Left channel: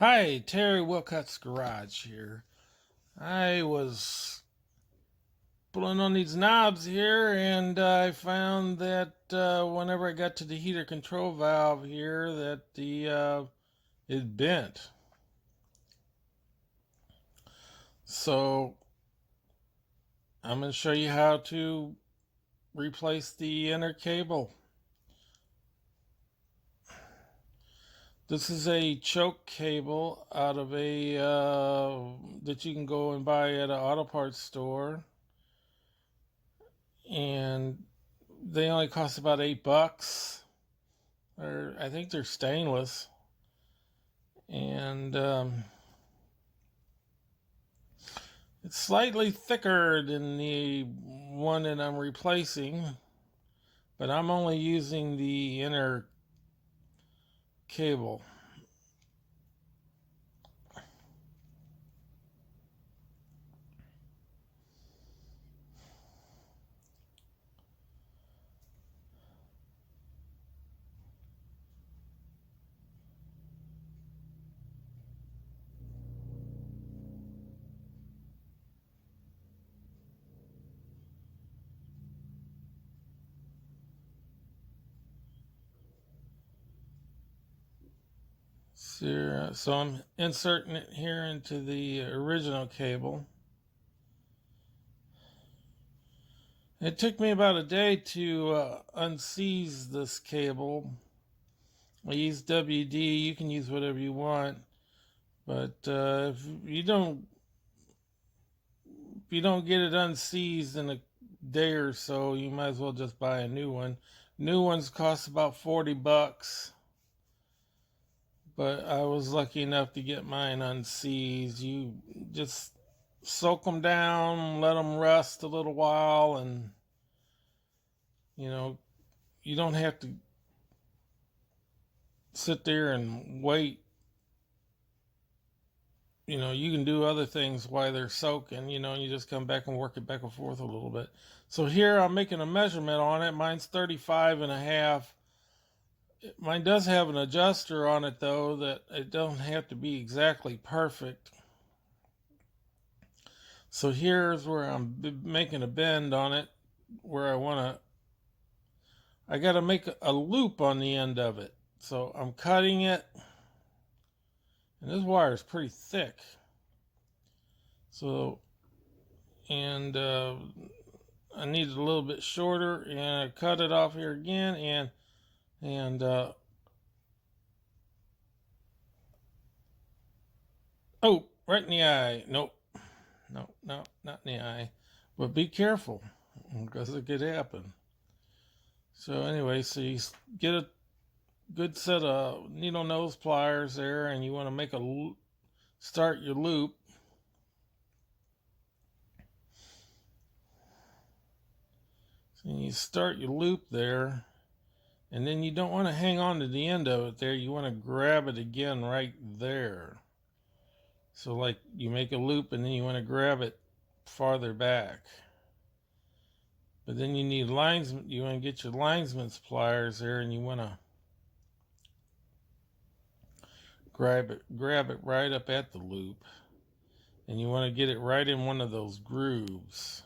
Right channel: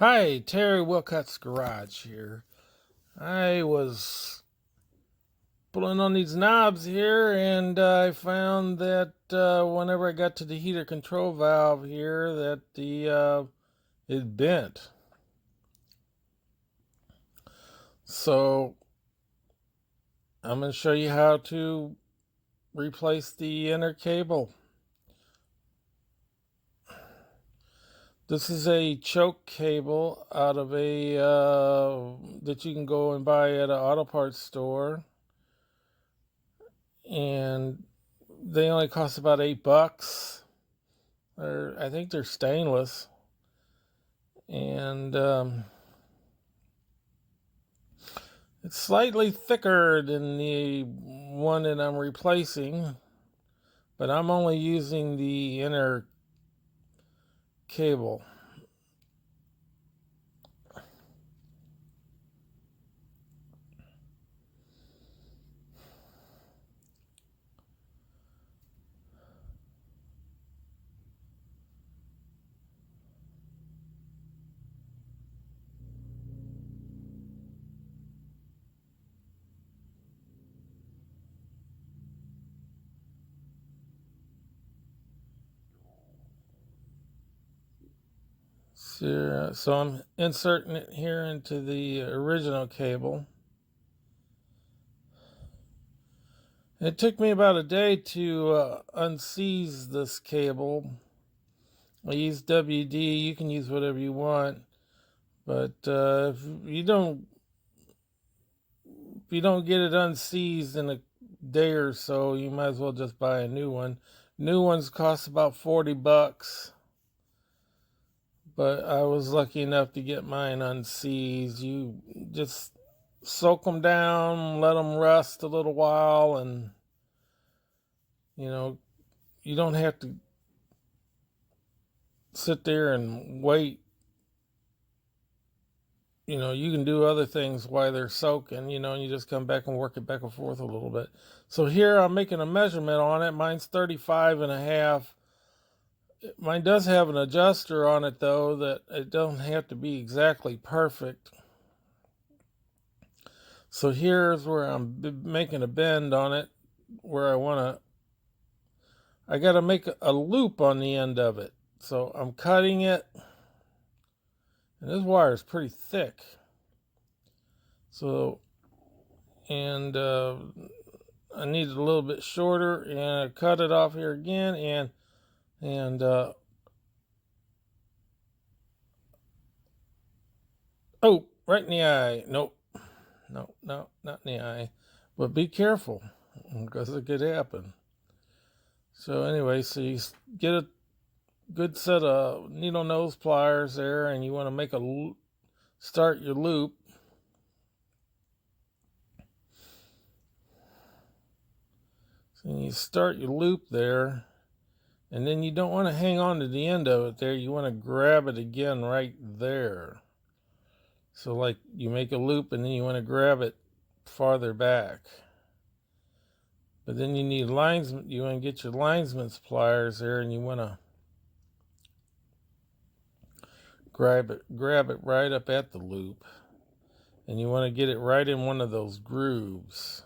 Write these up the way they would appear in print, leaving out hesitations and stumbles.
Hi, Terry Wilcott's Garage here. I was pulling on these knobs here and I found that whenever I got to the heater control valve here that the it bent. So I'm going to show you how to replace the inner cable. This is a choke cable out of a that you can go and buy at an auto parts store, and they only cost about $8. Or I think they're stainless, and it's slightly thicker than the one that I'm replacing, but I'm only using the inner cable. So I'm inserting it here into the original cable. It took me about a day to unseize this cable. I use WD. You can use whatever you want, but if you don't get it unseized in a day or so, you might as well just buy a new one. New ones cost about $40, but I was lucky enough to get mine unseized. You just soak them down, let them rust a little while, and you know, you don't have to sit there and wait. You can do other things while they're soaking, and you just come back and work it back and forth a little bit. So here I'm making a measurement on it. Mine's 35 and a half. Mine does have an adjuster on it, though, that it don't have to be exactly perfect. So here's where I'm making a bend on it, where I got to make a loop on the end of it. So I'm cutting it, and this wire is pretty thick. So, and I need it a little bit shorter, and I cut it off here again, and oh, right in the eye. Nope. No, no, not in the eye. But be careful, because it could happen. So anyway, so you get a good set of needle nose pliers there, and you want to start your loop. So you start your loop there, and then you don't want to hang on to the end of it there. You want to grab it again right there. So like you make a loop, and then you want to grab it farther back. But then you need linesman. You want to get your linesman's pliers there, and you want to grab it right up at the loop, and you want to get it right in one of those grooves.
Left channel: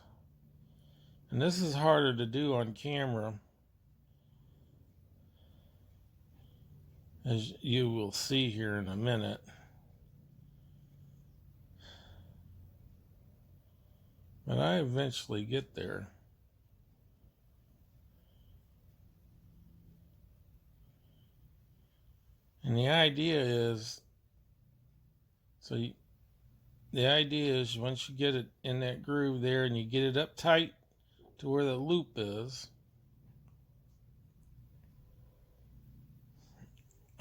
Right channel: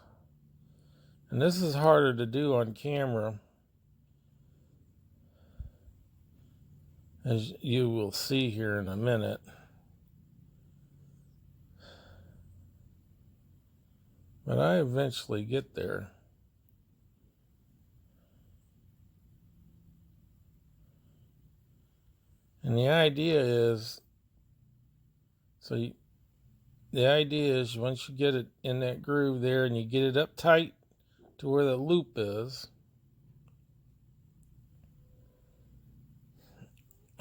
And this is harder to do on camera, as you will see here in a minute. But I eventually get there. And the idea is, once you get it in that groove there and you get it up tight to where the loop is,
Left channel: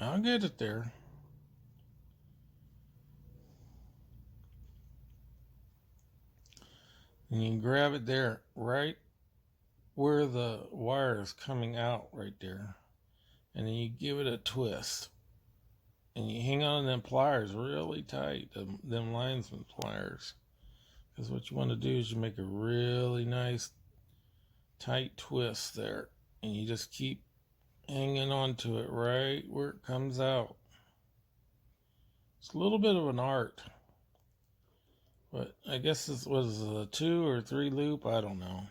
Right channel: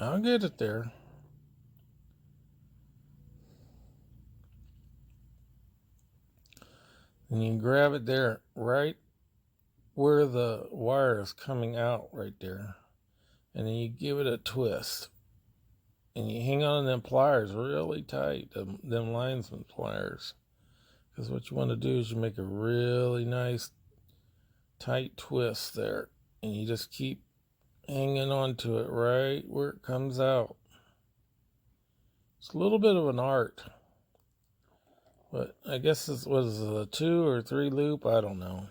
I'll get it there. And you grab it there, right where the wire is coming out, right there. And then you give it a twist. And you hang on to them pliers really tight, them linesman pliers. Because what you want to do is you make a really nice tight twist there. And you just keep hanging on to it right where it comes out. It's a little bit of an art. But I guess this was a 2 or 3 loop. I don't know.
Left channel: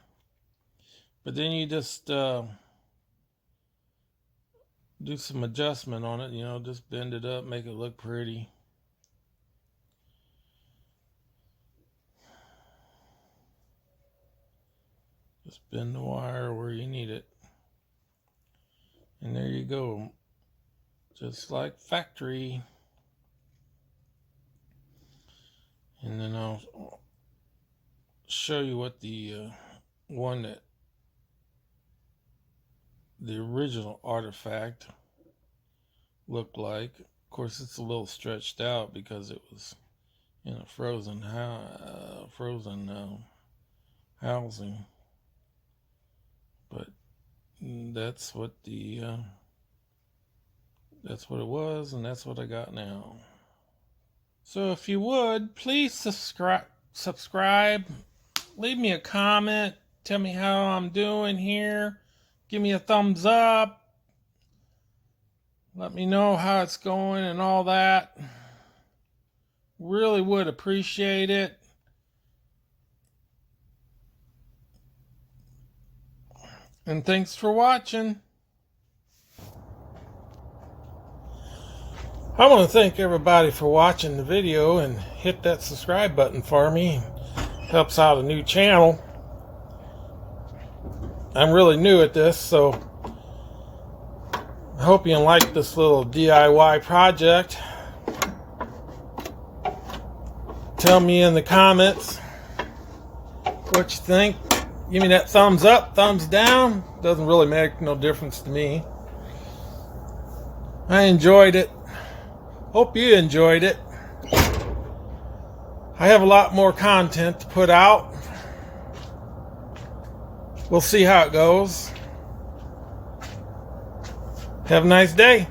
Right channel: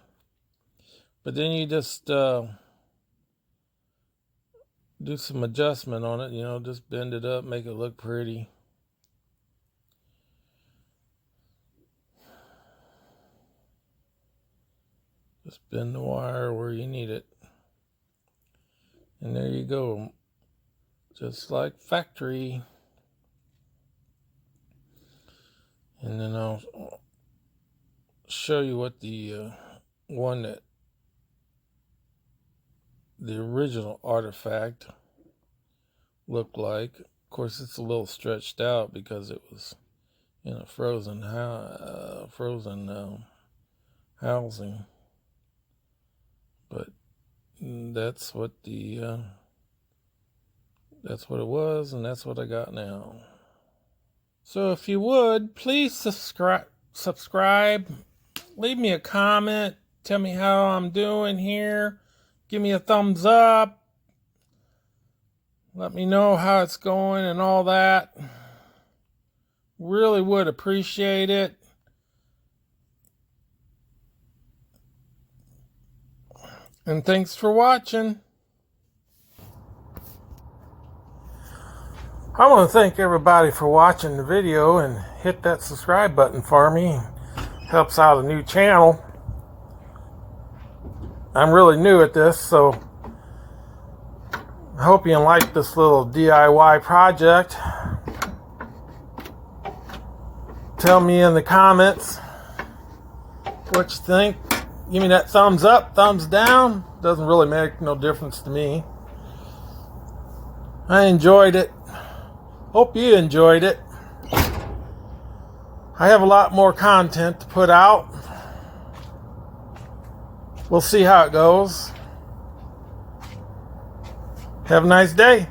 But then you just do some adjustment on it. You know, just bend it up, make it look pretty. Just bend the wire where you need it. And there you go. Just like factory. And then I'll show you what the one that the original artifact looked like. Of course, it's a little stretched out because it was in a frozen housing. But that's what that's what it was, and that's what I got now. So if you would, please subscribe, leave me a comment, tell me how I'm doing here, give me a thumbs up, let me know how it's going and all that. Really would appreciate it. And thanks for watching. I want to thank everybody for watching the video and hit that subscribe button for me. It helps out a new channel. I'm really new at this, so I hope you like this little DIY project. Tell me in the comments what you think. Give me that thumbs up, thumbs down. Doesn't really make no difference to me. I enjoyed it. Hope you enjoyed it. I have a lot more content to put out. We'll see how it goes. Have a nice day.